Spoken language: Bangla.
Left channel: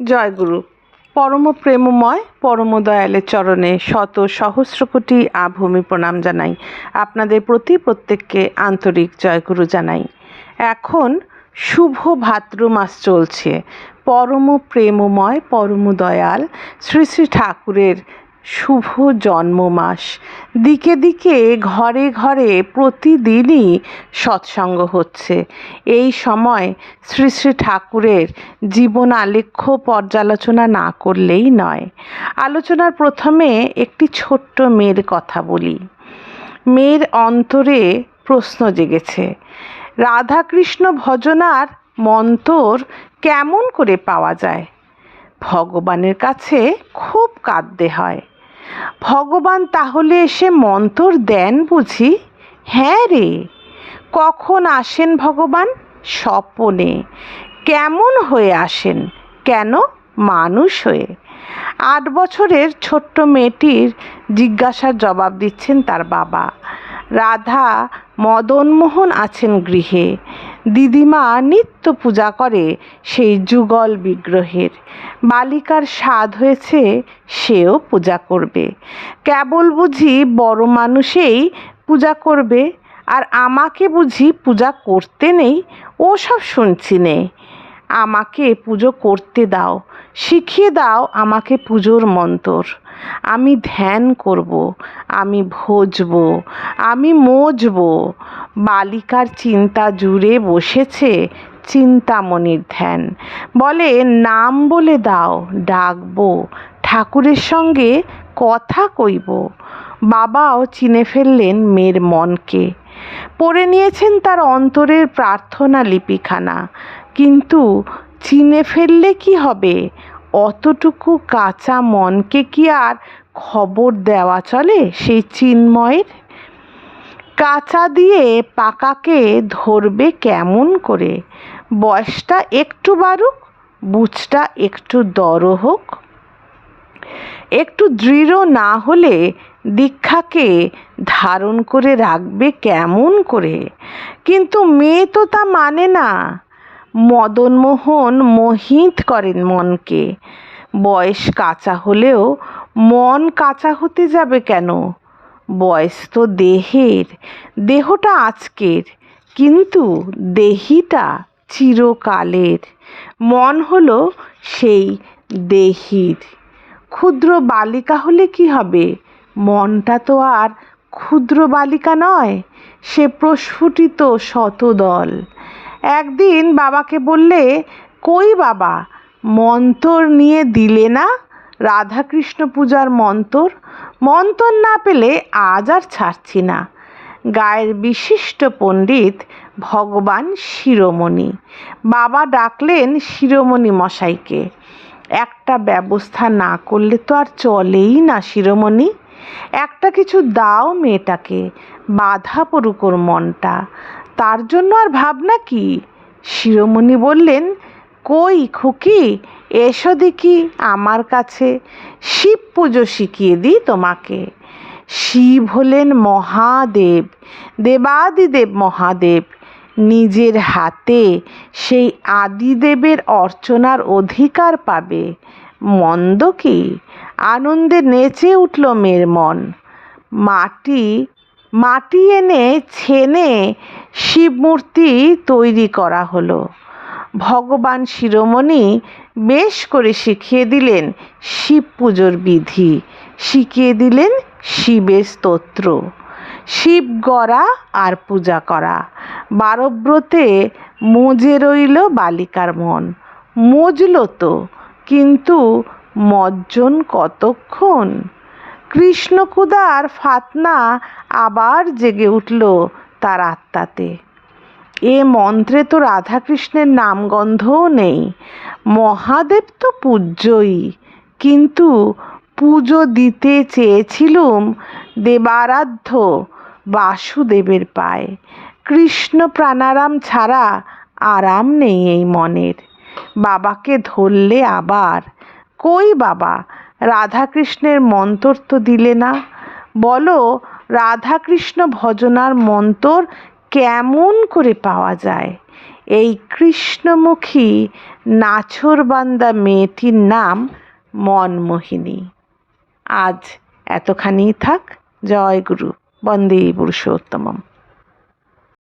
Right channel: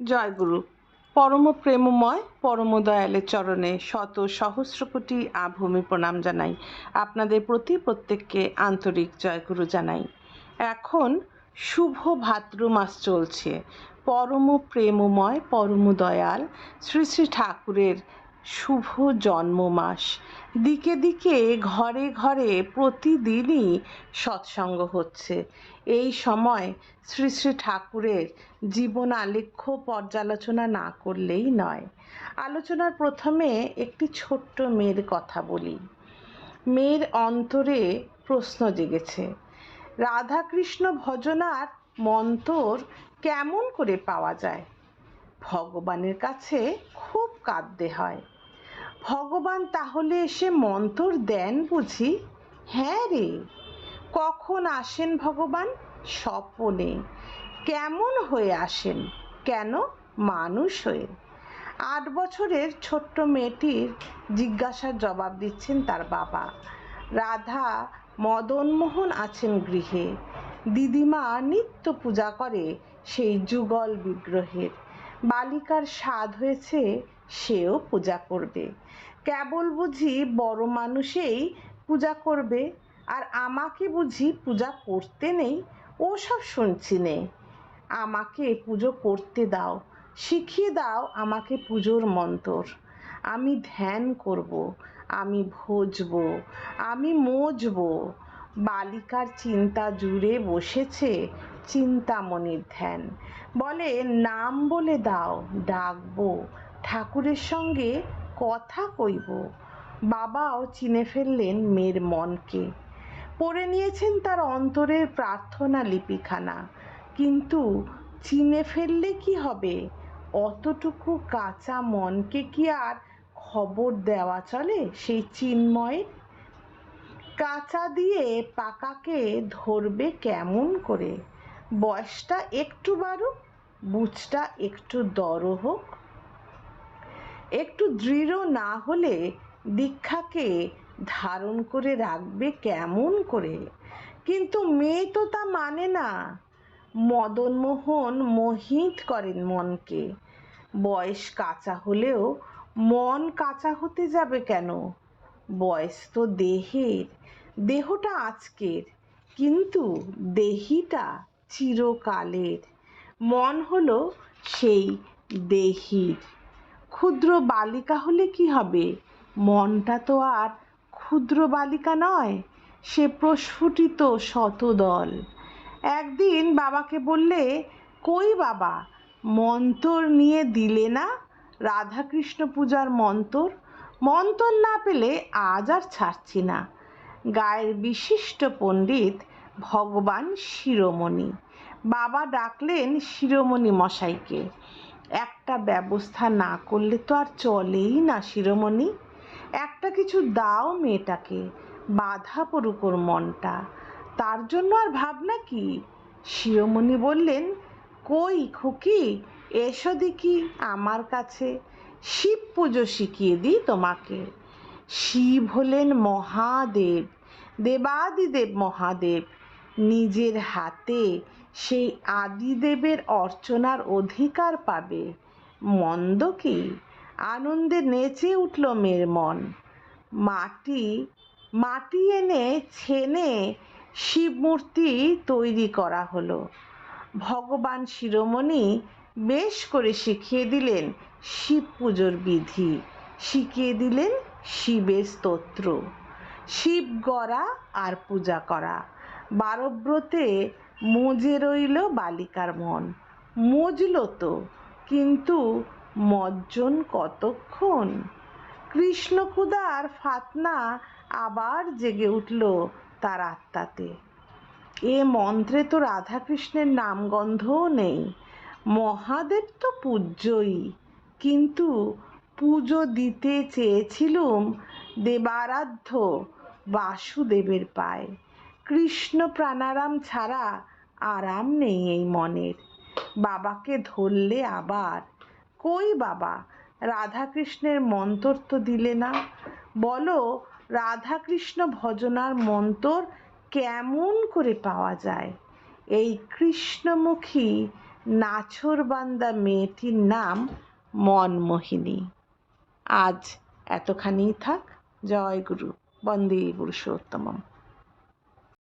জয়গুরু। পরম প্রেমময় পরম দয়ালের চরণে শত সহস্র কোটি আভূমি প্রণাম জানাই। আপনাদের প্রতি প্রত্যেককে আন্তরিক জয়গুরু জানাই। এখন শুভ ভাদ্র মাস চলছে। পরম প্রেমময় পরম দয়াল শ্রী শ্রী ঠাকুরের শুভ জন্ম মাস। দিকে দিকে ঘরে ঘরে প্রতিদিনই সৎসঙ্গ হচ্ছে। এই সময় শ্রী শ্রী ঠাকুরের জীবন আলেখ্য পর্যালোচনা না করলেই নয়। আলোচনার প্রথমে একটি ছোট্ট মেয়ের কথা বলি। মেয়ের অন্তরে প্রশ্ন জেগেছে, রাধাকৃষ্ণ ভজনার মন্তর কেমন করে পাওয়া যায়? ভগবানের কাছে খুব কাঁদতে হয়। ভগবান তাহলে এসে মন্তর দেন বুঝি? হ্যাঁ রে। কখন আসেন ভগবান? স্বপনে। কেমন হয়ে আসেন? কেন? মানুষ হয়ে। 8 বছরের ছোট্ট মেয়েটির জিজ্ঞাসার জবাব দিচ্ছেন তার বাবা। রাধা মদনমোহন আছেন গৃহে। দিদিমা নিত্য পূজা করে সেই যুগল বিগ্রহের। বালিকার স্বাদ হয়েছে, সেও পূজা করবে। কেবল বুঝি বড় মানুষেই পূজা করবে, আর আমাকে বুঝি পূজা করতে নেই? ওসব শুনছি নে। আমাকে পুজো করতে দাও, শিখিয়ে দাও আমাকে পুজোর মন্তর। আমি ধ্যান করব, আমি ভজব, আমি মজব। বালিকার চিন্তা জুড়ে বসেছে চিন্তামণির ধ্যান। বলে, নাম বলে দাও, ডাকবো, ঠাকুরের সঙ্গে কথা কইব। বাবাও চিনে ফেললেন মেয়ের মনকে। পড়ে নিয়েছেন তার অন্তরের প্রার্থনা লিপিখানা। কিন্তু চিনে ফেললে কি হবে? অতটুকু কাঁচা মনকে কি আর খবর দেওয়া চলে সেই চিন্ময়ের? কাঁচা দিয়ে পাকাকে ধরবে কেমন করে? বয়সটা একটু বাড়ুক, বুঝটা একটু দড় হোক। একটু দৃঢ় না হলে দীক্ষাকে ধারণ করে রাখবে কেমন করে? কিন্তু মেয়ে তো তা মানে না। মদনমোহন মোহিত করেন মনকে। বয়স কাঁচা হলেও মন কাঁচা হতে যাবে কেন? বয়স তো দেহের, দেহটা আজকের, কিন্তু দেহিটা চিরকালের। মন হলো সেই দেহির। ক্ষুদ্র বালিকা হলে কি হবে? মনটা তো আর ক্ষুদ্র বালিকা নয়, সে প্রস্ফুটিত শতদল। একদিন বাবাকে বললে, কই বাবা, মন্তর নিয়ে দিলে না? রাধাকৃষ্ণ পূজার মন্তর। মন্তর না পেলে আজ আর ছাড়ছি না। গায়ের বিশিষ্ট পণ্ডিত ভগবান শিরোমণি। বাবা ডাকলেন শিরোমণি মশাইকে। একটা ব্যবস্থা না করলে তো আর চলেই না শিরোমণি। একটা কিছু দাও মেয়েটাকে, বাধা পড়ুক ওর মনটা। তার জন্য আর ভাবনা কি? শিরোমণি বললেন, কই খুকি, এসো দেখি আমার কাছে, শিব পুজো শিখিয়ে দিই তোমাকে। শিব হলেন মহাদেব, দেবাদিদেব মহাদেব। নিজের হাতে সেই আদিদেবের অর্চনার অধিকার পাবে। মন্দ কি? আনন্দে নেচে উঠল মেয়ের মন। মাটি এনে ছেনে শিবমূর্তি তৈরি করা হলো। ভগবান শিরোমণি বেশ করে শিখিয়ে দিলেন শিব পুজোর বিধি, শিখিয়ে দিলেন শিবের স্তোত্র। শিব গড়া আর পূজা করা। 12 ব্রতে মজে রইল বালিকার মন। মজল তো, কিন্তু মজ্জন কতক্ষণ? কৃষ্ণকুদার ফাতনা আবার জেগে উঠল তার আত্মাতে। এ মন্ত্রে তো রাধাকৃষ্ণের নামগন্ধও নেই। মহাদেব তো পূজ্যই, কিন্তু পুজো দিতে চেয়েছিলুম দেবারাধ্য বাসুদেবের পায়ে। কৃষ্ণ প্রাণারাম ছাড়া আরাম নেই এই মনের। বাবাকে ধরলে আবার, কই বাবা, রাধাকৃষ্ণের মন্তর তো দিলে না। বলো, রাধাকৃষ্ণ ভজনার মন্তর কেমন করে পাওয়া যায়? এই কৃষ্ণমুখী নাছোড়বান্দা মেয়েটির নাম মনমোহিনী। আজ এতখানিই থাক। জয় গুরু। বন্দে পুরুষোত্তমম।